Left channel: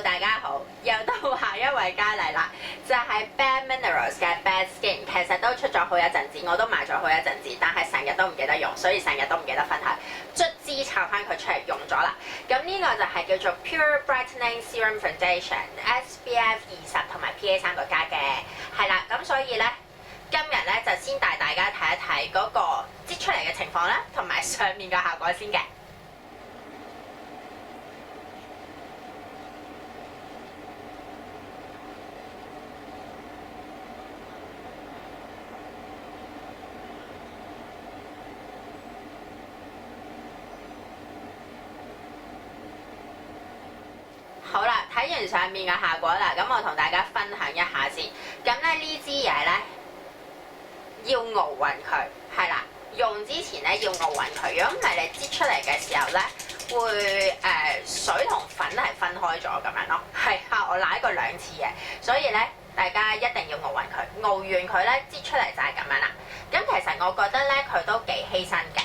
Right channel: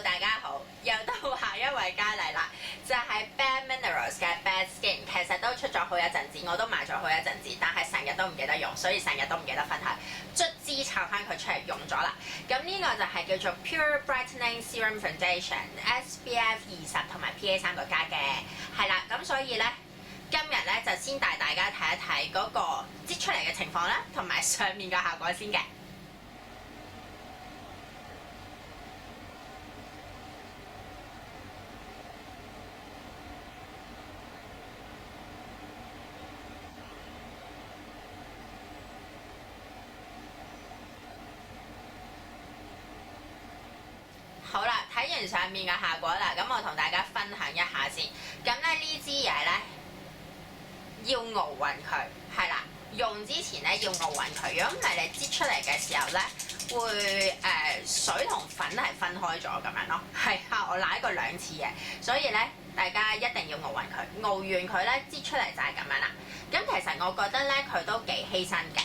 Hello， 大家好，又到下一位佳麗啦，就係 Bare Minerals 嘅 Bad Skin， 其實都出咗好一陣子，我都買咗好一陣子，但係成日都唔記得用，所以成日都唔記得分享。卒之摷翻佢出嚟用咗啦。咁呢個就係叫做 Pure Brightening Serum Foundation，SPF 20同埋 PA 3個加嘅，係啦。咁所以咧，今日咧就先帶大家睇一睇嗰個擠出嚟嘅情況啦，同埋上面嘅效果先嘅。好啦，睇完上面嘅效果啦，咁我同大家分享一下先。咁咧呢支嘢咧要熬勻佢，係啦，用之前咧要熬勻佢。如果唔係你擠出嚟嘅時候咧，會水同粉係分開咗咁樣咯。係啊，我舐過2次嘅，所以咧大家一定要熬勻佢。熬完佢咧擠出嚟就係咁樣啦。咁其實我覺得咧佢都幾犧牲嘅。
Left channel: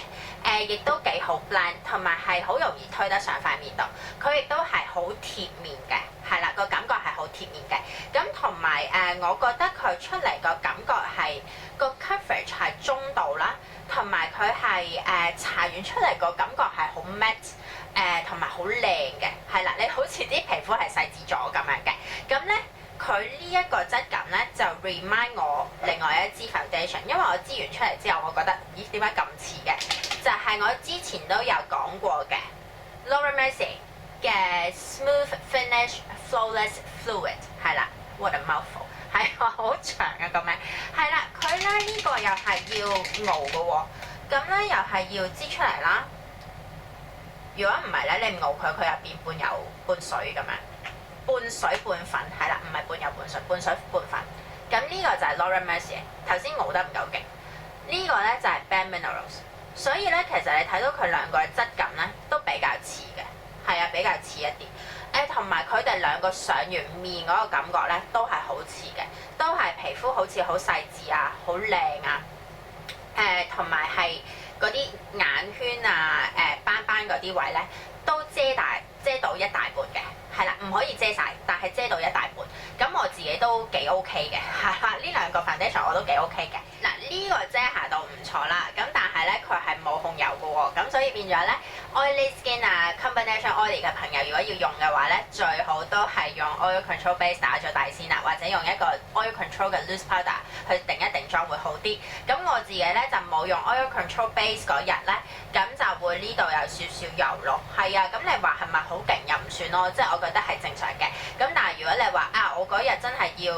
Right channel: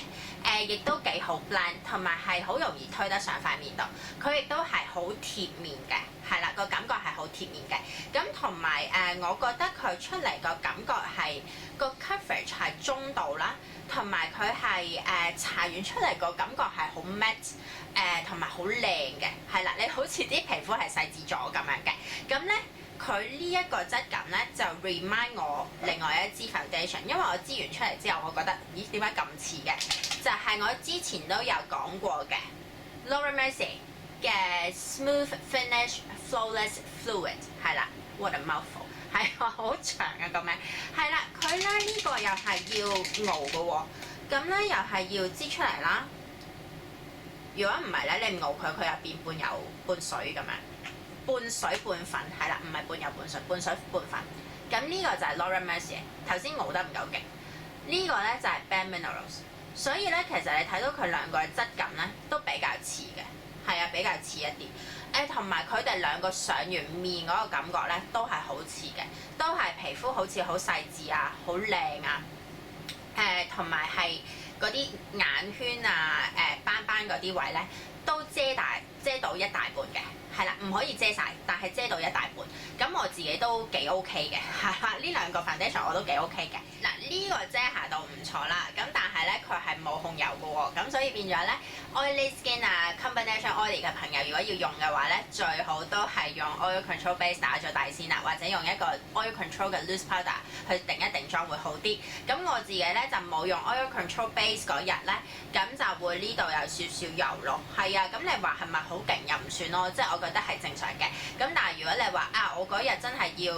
亦都幾好 blend， 同埋係好容易推得上塊面度。佢亦都係好貼面嘅，係啦，個感覺係好貼面嘅。咁同埋我覺得佢出嚟個感覺係個 coverage 係中度啦，同埋佢係搽完出嚟個感覺係好 matte，同埋好靚嘅，係啦，你好似啲皮膚係細緻咗咁樣嘅。咁咧。佢呢一個質感咧就 remind 我另外一支 foundation， 因為我擠完出嚟之後，我覺得咦點解咁似嘅？就係、是、我之前都有講過嘅 Laura Mercier 嘅 Smooth Finish Flawless Fluid 係啦 ，what a mouthful 係好長嘅個名係啦，佢咧呢、這個又係要熬嘅喎，咁咧又係要擠出嚟啦。如果唔係咧，你唔熬佢，佢又變半油半水咁樣。半水半粉係啦，唔係半油半水，半水半粉。咁呢個就係 Laura Mercier， 頭先熬得唔夠勁。呢個咧就係 Bare Minerals， 所以咧其實你睇到佢兩個嘅質感咧都比較似嘅，係啊，比較似一啲。同埋佢哋兩個上完面嗰個感覺咧都係好似嘅，都係皮膚好似好細緻啊，好靚啊。同埋係嗰啲眼圈啊、斑斑嗰啲位咧都遮到一大半嘅。係啦，唔可以遮晒，但係遮到一大半。咁我自己都幾 OK 嘅，係啦，呢兩個 foundation 我都幾 OK 嘅。嗱，呢個遮瑕度唔錯啦，咁但係咧佢係冇控油嘅喎，咁所以變咗咧 oily skin 啊 combination oily 嘅朋友，如果要用嘅話咧，最好都係用 oil control base 打咗底先啦，或者用一個 oil control 嘅 loose powder 去定一定妝會好啲。咁我自己咧就冇用 oil control base 嗰日咧，咁就會呢度有少少油咯。係啊，咁你話係咪好勁又唔算咯，即係我覺得係正常嘅。咁但係如果你話我嗰日真係要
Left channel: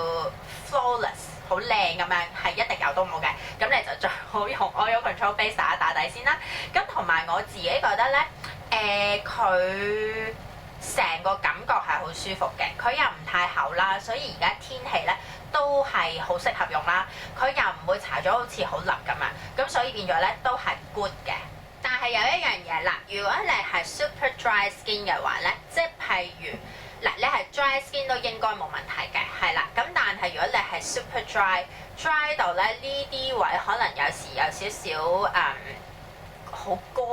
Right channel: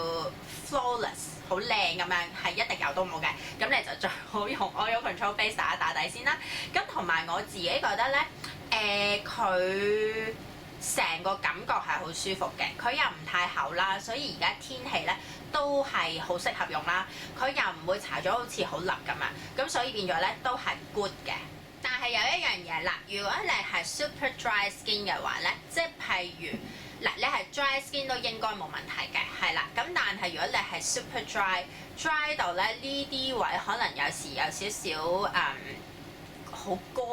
flawless 好靚咁樣，係一滴油都冇嘅，咁你就最好用 oil control base 打一打底先啦。咁同埋我自己覺得咧，佢成個感覺係好舒服嘅，佢又唔太厚啦，所以而家天氣咧都係好適合用啦。佢又唔會搽咗好似好笠咁樣，咁所以變咗咧都係 good 嘅。但係有一樣嘢啦，如果你係 super dry skin 嘅話咧，即係譬如嗱，你係 dry skin 都應該冇問題嘅，係啦。咁但係如果你係 super dry 到咧呢啲位，可能有時有少少好乾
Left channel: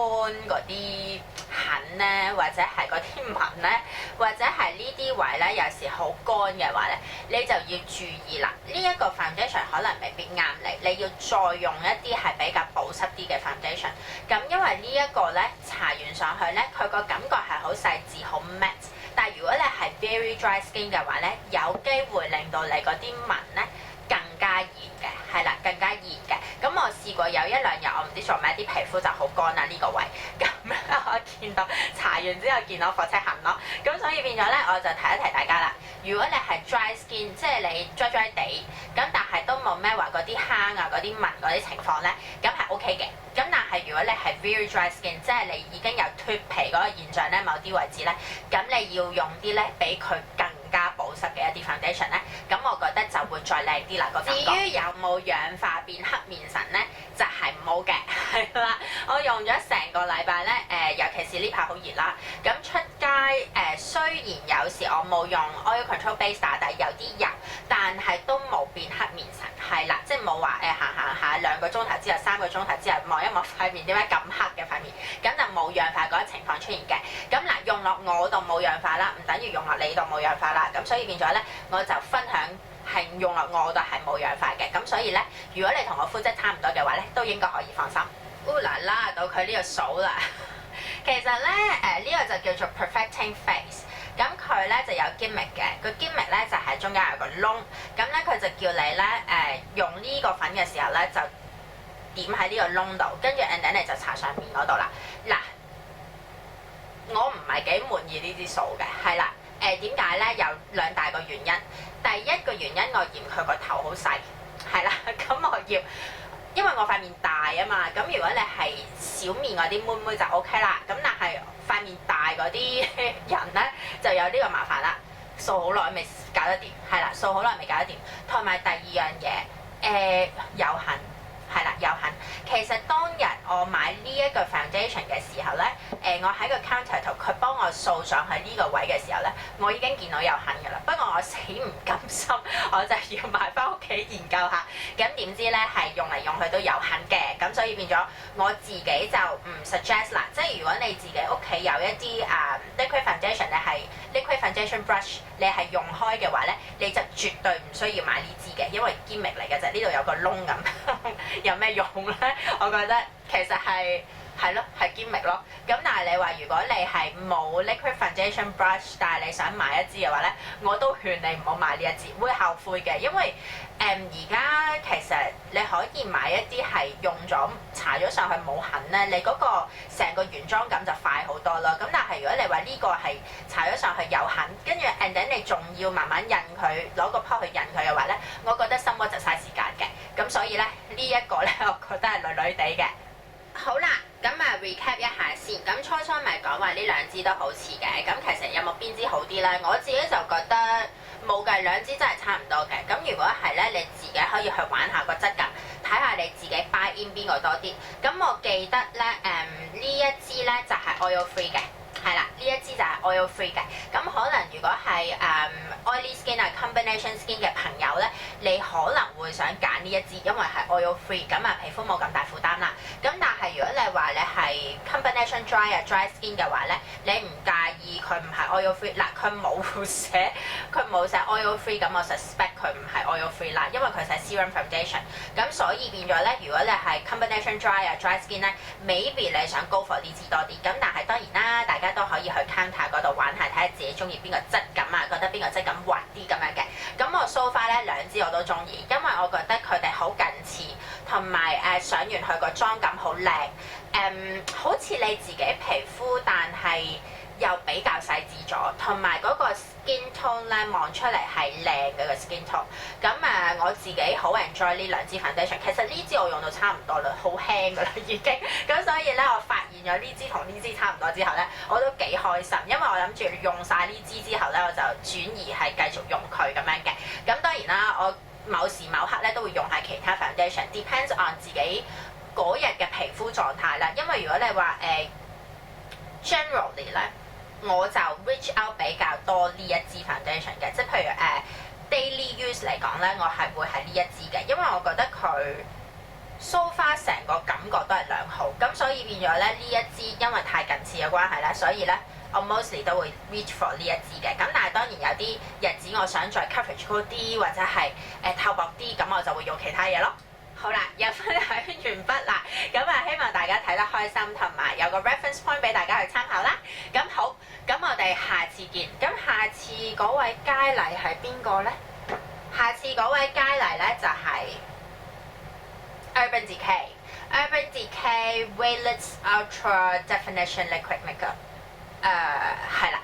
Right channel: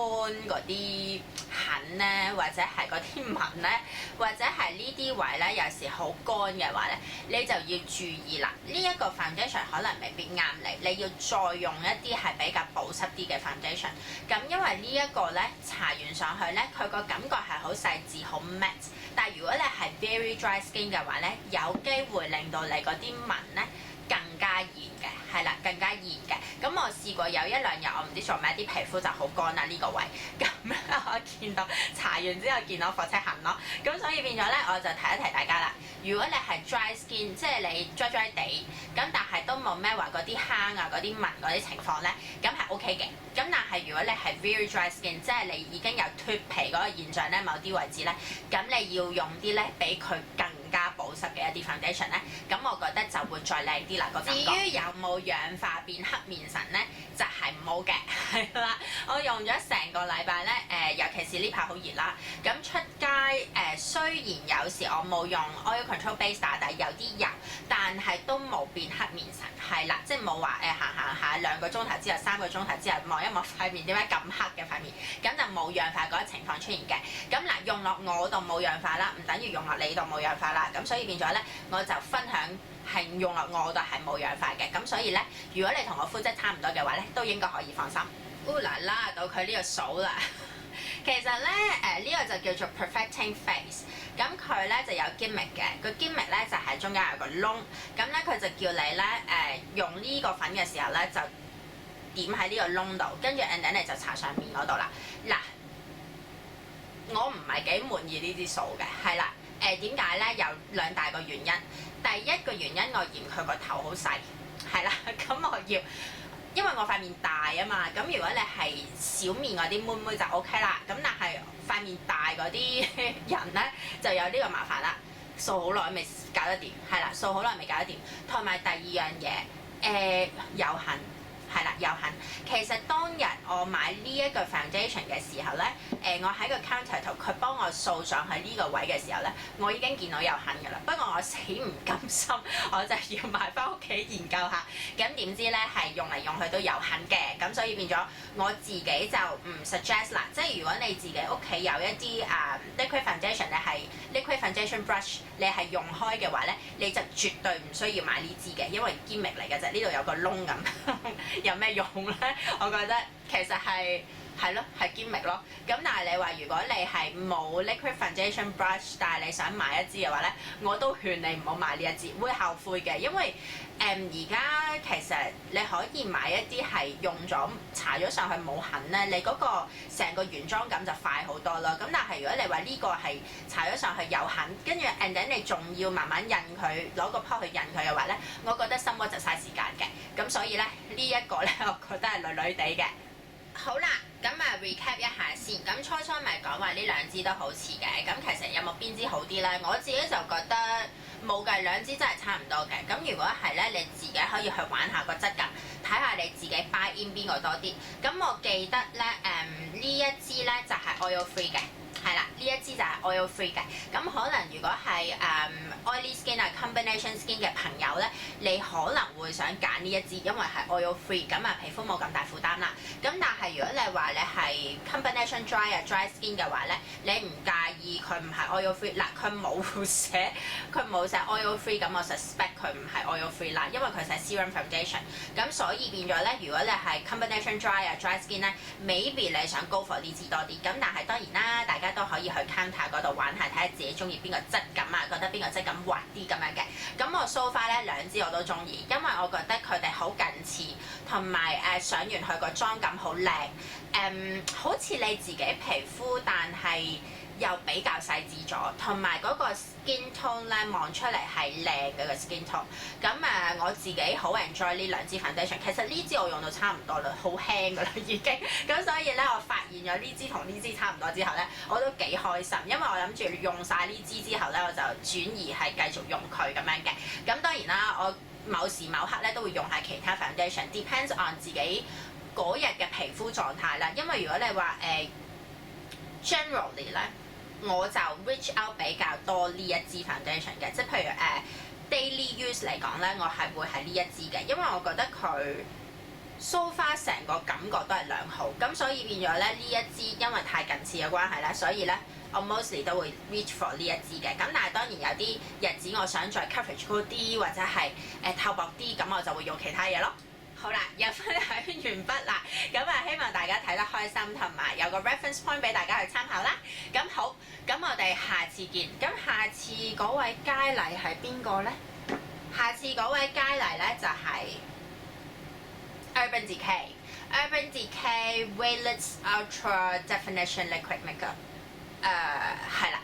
嗰啲痕咧，或者係嗰啲紋咧，或者係呢啲位咧，有時好乾嘅話咧，你就要注意啦。呢一個 foundation 可能未必啱你，你要再用一啲係比較保濕啲嘅 foundation。咁因為呢一個咧搽完上去咧，佢個感覺係好細緻、好 matte。但係如果你係 very dry skin 嘅話咧，有機會令到你嗰啲紋咧更加熱嘅，係啦，更加熱嘅。咁我試過有1-2日，我唔知做咩啲皮膚就好乾啦呢個位，咁咧我見到搽完之後見到火車痕咯，咁所以變咗咧我就提一提大家啦。如果你係 dry skin， 即係你 dry 地，咁但係都冇咩話嗰啲坑啊、嗰啲紋嗰啲情況咧，咁係 OK 嘅。咁但係如果你係 very dry skin， 即係你已經有脫皮嗰個現象咧，某啲位置咧，咁你要用啲咧比佢更加保濕嘅一啲 foundation 咧，咁我覺得就會再靚啲啦個感覺。至於有冇氧化變黑面神咧，就係係唔好嘅，係啦。我用咗成個禮拜咧，尤其是呢排好熱啦，咁出街雖然有時我冇用 oil control base 打底，有啲油，但係都冇變黑面神，係啦，即係冇話行下2個鐘頭之後、3個鐘頭之後望一望塊面點解咁黑嘅塊面，咁就冇氧化嗰個情況出現嘅。咁嗱，用落我度冇氧化啦，唔等於用落你度冇氧化啦，咁所以變咗咧，我就分享係用落我度係冇氧化嘅，咁所以咧，如果你同我膚質差唔多嘅話咧，都應該可以放心。啦啦到佢呢個數啦，其實咧呢個就叫做 perfecting face， 咁佢咧就有 gimmick 嘅，個 gimmick 咧就係中間有個窿，咁咧佢就叫你咧用呢個粉嘅時候咧就點喺呢個窿度，跟住 and then 你就搽上面嗰度啦。嗱，我唔係幾滿意呢啲數嘅，係啦，點解咧？有2大個原因。第一個原因我嫌佢個頭好細，係啦，咁我要，因為我塊面大啊嘛，咁如果你係小面嗰啲妹妹就 OK 啦，咁但係塊面大嗰啲人咧就有呢個麻煩啦，掃好耐未搞得掂，係啦，掃好耐未搞得掂，同埋第二樣嘢有痕。係啦，有痕。其實當日我買呢一個 foundation 嘅時候咧，我喺個 counter 度，佢幫我掃上去呢個位嘅時候咧，我已經見到有痕㗎啦。不過我死唔甘心，我就要買翻屋企研究下。咁點知咧係用嚟用去都有痕嘅，咁所以變咗我自己就唔 suggest 啦。即係如果你自己屋企有一啲liquid foundation 咧係 liquid foundation brush， 你係用開嘅話咧，你就絕對唔需要買呢支嘅，因為堅力嚟嘅啫。呢度有個窿咁。有咩用咧？我覺得其實係咯，係 gimmick 咯。咁但係你話如果你係冇 liquid foundation brush， 但係你想買一支嘅話咧，我都勸你唔好買呢一支，會後悔嘅。因為而家其實你可以買一啲係用咗搽咗上去冇痕咧，你嗰個成個原裝感就快好多啦。咁但係如果你話呢個係搽咗上去有痕，跟住 and then 你仲要慢慢印佢，攞個泡去印佢嘅話咧，我覺得心窩就嘥時間嘅。咁所以咧呢一個咧，我覺得係女女地嘅。好啦，咁recap 一下先。咁初咪講話呢兩支都好似嘅，咁其實有冇邊支好啲咧？我自己就覺得冇嘅，兩支真係差唔多嘅。咁如果係咧，你自己可以去玩下個質感，睇下你自己 buy in 邊個多啲。咁我記得咧，呢一支咧就係 oil free 嘅。係啦，呢一支就係 oil free 嘅。咁可能如果係oily skin 啊 combination skin 嘅朋友咧，你可能會想揀呢一支，因為係 oil free， 咁皮膚冇咁大負擔啦。咁但係如果你話你係 combination dry 啊 dry skin 嘅話咧，你唔介意佢唔係 oil free 嗱，佢冇寫 oil free， 咁我 suspect 佢唔係 oil free 啦，因為佢寫 serum foundation。咁所以變咗咧，如果你係 combination dry 啊 dry skin 咧 ，maybe 你想 go for 呢支多啲。咁但係當然啦，大家都可以去 counter 嗰度玩下，睇下自己中意邊個質感啊，覺得邊個質感滑啲咁樣嘅。咁我 so far 咧兩支我都中意，因為我覺得佢哋好近似，同埋上完去個妝感好靚，好似你自己皮膚，但係又比較細緻咗，同埋嗰個 skin tone 咧望出嚟係靚嘅個 skin tone。咁我自己好 enjoy 呢兩支 foundation。其實呢支我用到差唔多啦，好輕㗎啦已經。咁所以咧，我發現咗呢支同呢支差唔多之後咧，我都幾開心，因為我諗住用晒呢支之後咧，我就轉移係繼續用佢咁樣嘅。咁當然啦，我某時某刻咧都會用下其他 foundation，depends on 自己嗰日嘅皮膚狀態啦。因為如果你話generally 咧，我就 reach out 比較多呢一支 foundation 嘅，即係譬如daily use 嚟講咧，我係會係呢一支嘅，因為我覺得佢 so far 成個感覺都係良好，咁所以變咗咧呢一支因為太近似嘅關係咧，所以咧我 mostly 都會 reach for 呢一支嘅。咁但係當然有啲日子我想再 coverage 高啲或者係透薄啲，咁我就會用其他嘢咯。好啦，又分享完畢啦，咁希望大家睇得開心，同埋有個 reference point 俾大家去參考啦。咁好，咁我哋下次見。咁下次嗰位佳麗係邊個咧？下次嗰位佳麗咧就係 Urban Decay。Urban Decay Waylets Ultra Definition Liquid Makeup。係啦，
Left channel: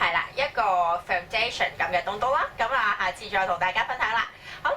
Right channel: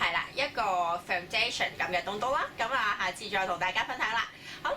係啦，一個 foundation 咁嘅東東啦。咁下次再同大家分享啦。好。